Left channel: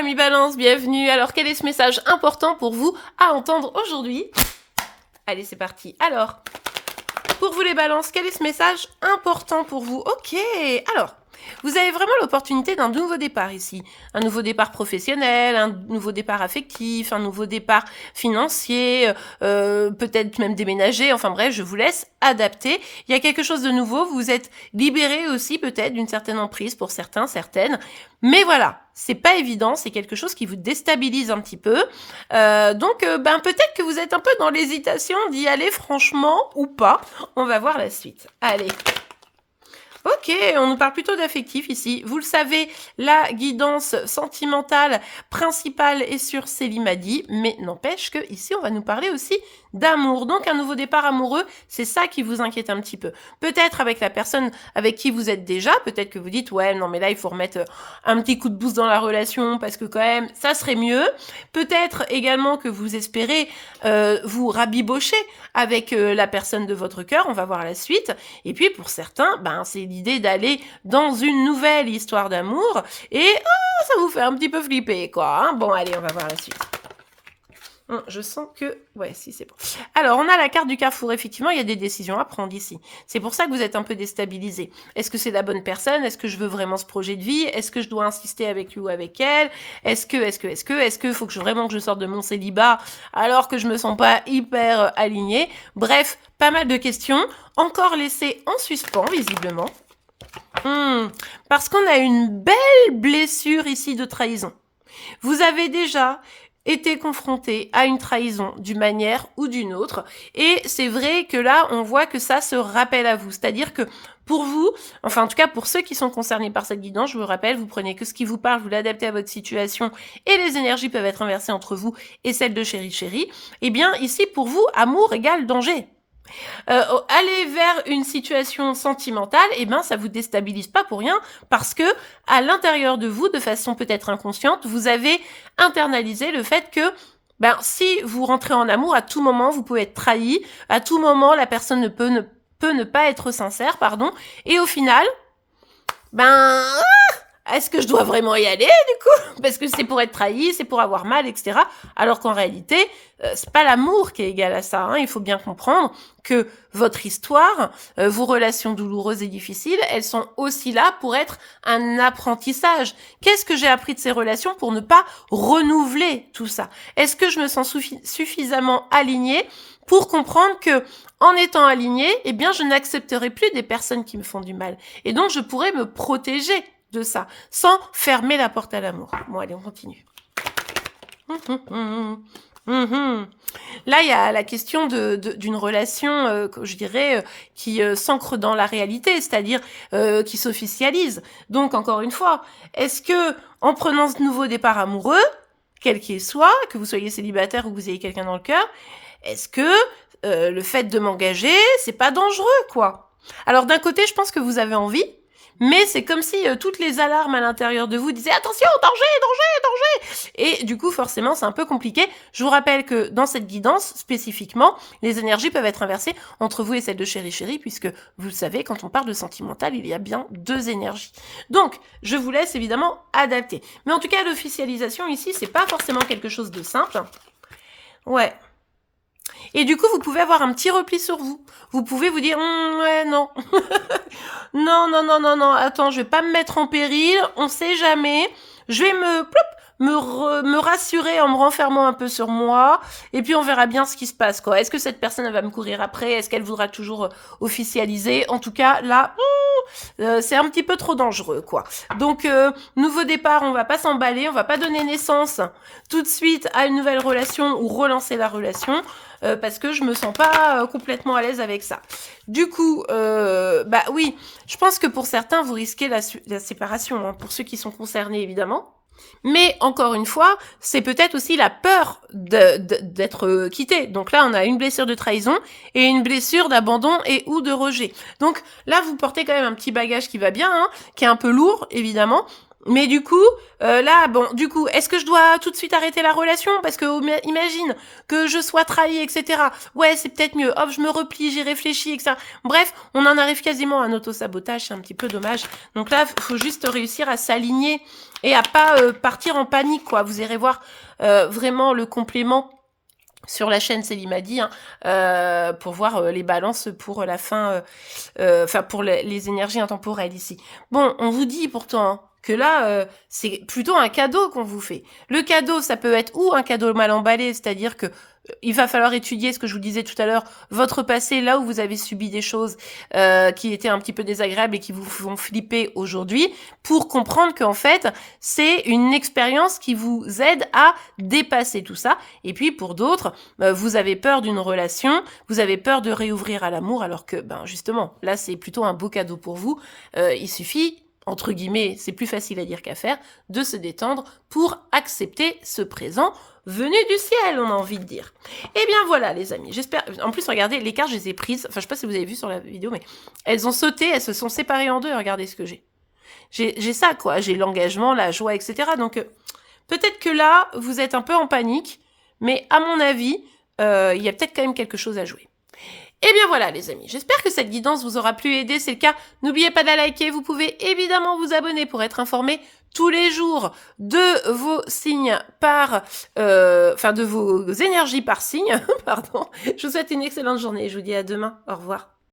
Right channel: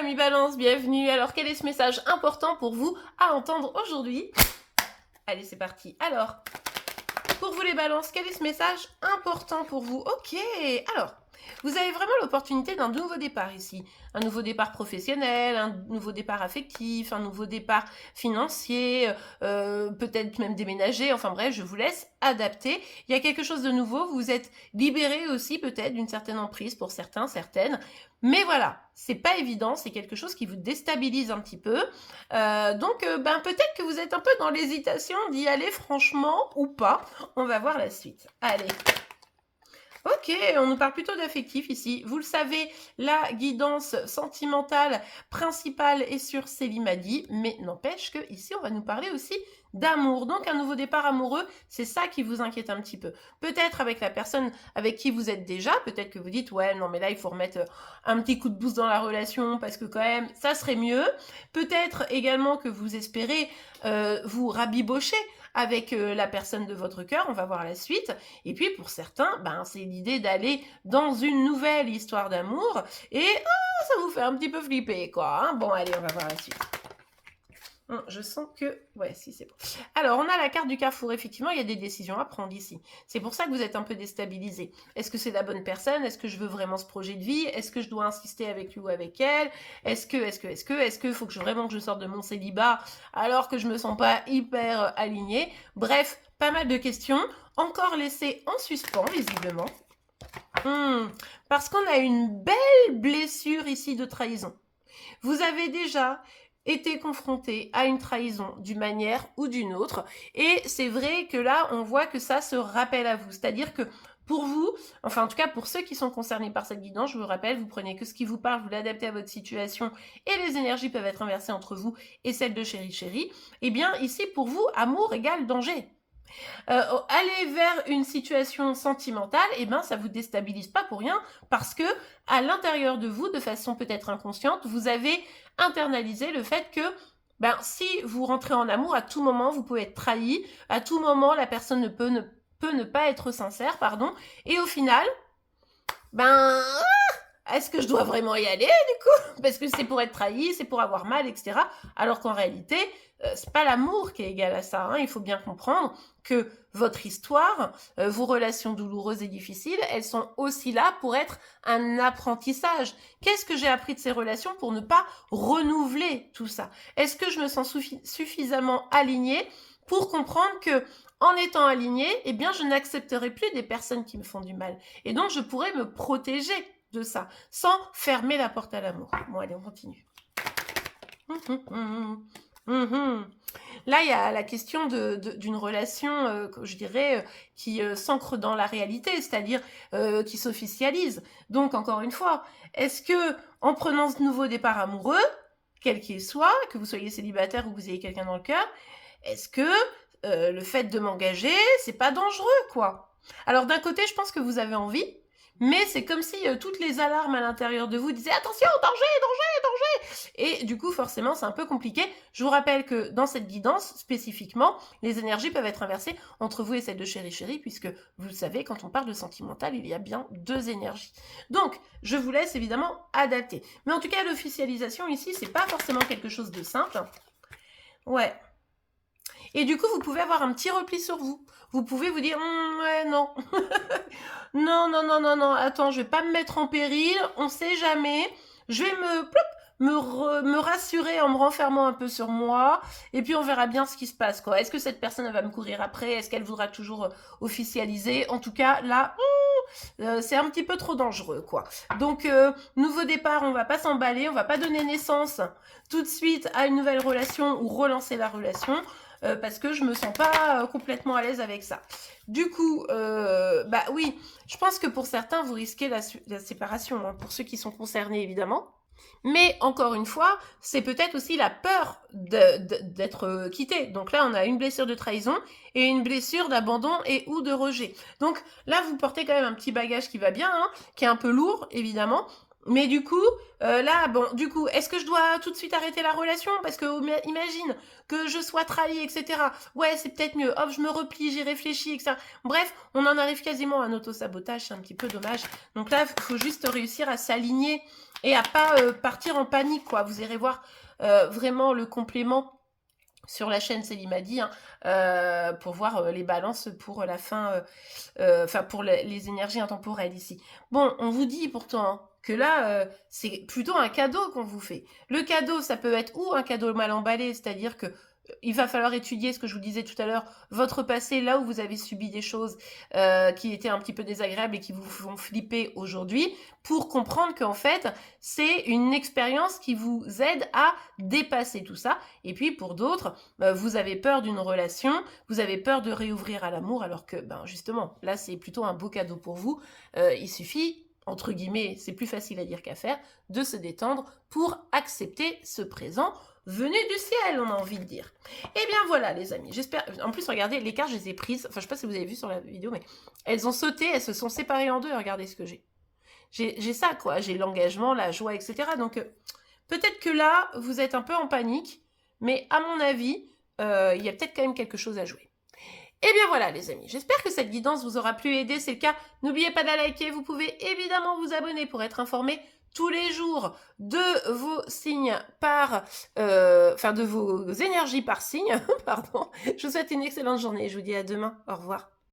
Mamie Balance, bienvenue. Alors, quel est ce message important pour vous à entendre aujourd'hui? Allez, c'est parti. Alors, pour vous les balances, quel est ce message important pour vous? Ok, alors, vous avez vraiment l'opportunité d'un nouveau départ ici. Un nouveau départ professionnel, un nouveau départ affectif, un nouveau départ financier, peut-être même déménager. Enfin bref, je vous laisse adapter. Il y a quelque chose de nouveau. Vous êtes libéré aussi peut-être d'une certaine emprise pour certains, certaines. Mais voilà, c'est pas évident. C'est quelque chose qui vous déstabilise un petit peu. Donc, peut-être que vous êtes un peu dans l'hésitation d'y aller franchement ou pas. On va voir la suite. Allez. Ok, on nous parle plutôt d'affectif ici. Vous le savez, la guidance sentimentale principale est sur Célimadi, mais n'empêche que ici on va nous parler aussi d'amour. Donc un nouveau départ amoureux, c'est ça qui vous inquiète un petit peu. Peut-être avec la personne avec qui vous êtes déjà, peut-être que vous dites ouais non mais là il faut remettre un petit coup de boost dans la relation parce que quand même ça serait mieux. Peut-être également que vous espérez vous rabibocher avec la personne de votre cœur, on va voir la suite. Et puis pour certains, c'est l'idée d'aller dans une nouvelle histoire d'amour et ça vous fait un petit peu flipper quoi. Hein. Bon allez, on va voir la suite. Je sens que... Ouais, si, c'est bon. Alors, on a la carte du carrefour. Effectivement, il y a des décisions à prendre ici. C'est pour ça que vous êtes un peu déstabilisé. Est-ce que c'est la bonne personne? Est-ce que je veux vraiment ce projet de vie? Est-ce que je dois insister avec lui ou avec elle? Est-ce que faut que vraiment que je sorte de mon célibat alors que je me sens pas hyper alignée? Bref, pas mal de questions. Encore laissées en suspens, visiblement. Parce qu'on a une belle blessure ici de trahison. Vous avez déjà été confronté à une trahison d'une manière ou d'une autre. Et c'est vrai que là, on voit que ça se rappelle à vous. C'est-à-dire que pour vous, enfin en tout cas pour ceux qui sont concernés par cette guidance, je vous rappelle, vous prenez que ce qui vous parle, vous l'adaptez à votre situation et les énergies peuvent être inversées entre vous et celles de chéri. Eh bien ici, pour vous, amour égale danger. Aller vers une situation sentimentale, ça vous déstabilise pas pour rien, parce que à l'intérieur de vous, de façon peut-être inconsciente, vous avez internalisé le fait que si vous rentrez en amour, à tout moment, vous pouvez être trahi, à tout moment, la personne peut ne pas être sincère, et au final, est-ce que je dois vraiment y aller, du coup? Parce que c'est pour être trahi, c'est pour avoir mal, etc. Alors qu'en réalité, c'est pas l'amour qui est égal à ça. Hein. Il faut bien comprendre que votre histoire, vos relations douloureuses et difficiles, elles sont aussi là pour être un apprentissage. Qu'est-ce que j'ai appris de ces relations pour ne pas renouveler tout ça? Est-ce que je me sens suffisamment alignée pour comprendre que, en étant alignée, je n'accepterai plus des personnes qui me font du mal. Et donc, je pourrais me protéger de ça, sans fermer la porte à l'amour. Bon, allez, on continue. Là, il y a la question d'une relation, je dirais, qui s'ancre dans la réalité, c'est-à-dire qui s'officialise. Donc, encore une fois, est-ce que, en prenant ce nouveau départ amoureux, quel qu'il soit, que vous soyez célibataire ou que vous ayez quelqu'un dans le cœur, est-ce que le fait de m'engager, c'est pas dangereux, quoi? Alors, d'un côté, je pense que vous avez envie, mais c'est comme si toutes les alarmes à l'intérieur de vous disaient « Attention, danger, danger, danger !» Et du coup, forcément, c'est un peu compliqué. Je vous rappelle que dans cette guidance, spécifiquement, les énergies peuvent être inversées entre vous et celle de chéri, puisque vous le savez, quand on parle de sentimental, il y a bien deux énergies. Donc, je vous laisse évidemment adapter. Mais en tout cas, l'officialisation ici, c'est pas forcément quelque chose de simple. Ouais. Et du coup, vous pouvez avoir un petit repli sur vous. Vous pouvez vous dire ouais, non. non, attends, je vais pas me mettre en péril, on sait jamais. Je vais me rassurer en me renfermant un peu sur moi, et puis on verra bien ce qui se passe, quoi. Est-ce que cette personne va me courir après? Est-ce qu'elle voudra toujours officialiser? En tout cas, là, c'est un petit peu trop dangereux, quoi. Donc, nouveau départ, on va pas s'emballer, on va pas donner naissance tout de suite à une nouvelle relation ou relancer la relation. Parce que je me sens pas complètement à l'aise avec ça. Du coup, oui, je pense que pour certains, vous risquez la séparation, hein, pour ceux qui sont concernés, évidemment. Mais, encore une fois, c'est peut-être aussi la peur d'être quitté. Donc là, on a une blessure de trahison et une blessure d'abandon et ou de rejet. Donc là, vous portez quand même un petit bagage qui va bien, hein, qui est un peu lourd, évidemment. Mais du coup, là, bon, du coup, est-ce que je dois tout de suite arrêter la relation? Parce que imagine que je sois trahie, etc. Ouais, c'est peut-être mieux. Hop, je me replie, j'y réfléchis, etc. Bref, on en arrive quasiment à un auto-sabotage, c'est un petit peu dommage. Donc là, il faut juste réussir à s'aligner et à pas partir en panique, quoi. Vous irez voir vraiment le complément sur la chaîne Célimadi, hein, pour voir les balances pour la fin, enfin pour les énergies intemporelles ici. Bon, on vous dit pourtant hein, que là, c'est plutôt un cadeau qu'on vous fait. Le cadeau, ça peut être ou un cadeau mal emballé, c'est-à-dire que il va falloir étudier ce que je vous disais tout à l'heure, votre passé, là où vous avez subi des choses qui étaient un petit peu désagréables et qui vous font flipper aujourd'hui, pour comprendre qu'en fait, c'est une expérience qui vous aide à dépasser tout ça. Et puis pour d'autres, vous avez peur d'une relation, vous avez peur de réouvrir à l'amour, alors que, ben justement, là, c'est plutôt un beau cadeau pour vous. Il suffit, entre guillemets, c'est plus facile à dire qu'à faire, de se détendre pour accepter ce présent venu du ciel, on a envie de dire. Eh bien voilà, les amis, j'espère... En plus, regardez, les cartes, je les ai prises, enfin, je sais pas si vous avez vu sur la vidéo, mais elles ont sauté, elles se sont séparées en deux, regardez ce que j'ai. J'ai ça, quoi, j'ai l'engagement, la joie, etc. Donc, peut-être que là, vous êtes un peu en panique, mais à mon avis, il y a peut-être quand même quelque chose à jouer. Et bien voilà les amis, j'espère que cette guidance vous aura plu et aidé, c'est le cas. N'oubliez pas de la liker, vous pouvez évidemment vous abonner pour être informé tous les jours de vos signes par... enfin de vos énergies par signe, pardon. Je vous souhaite une excellente journée, je vous dis à demain, au revoir.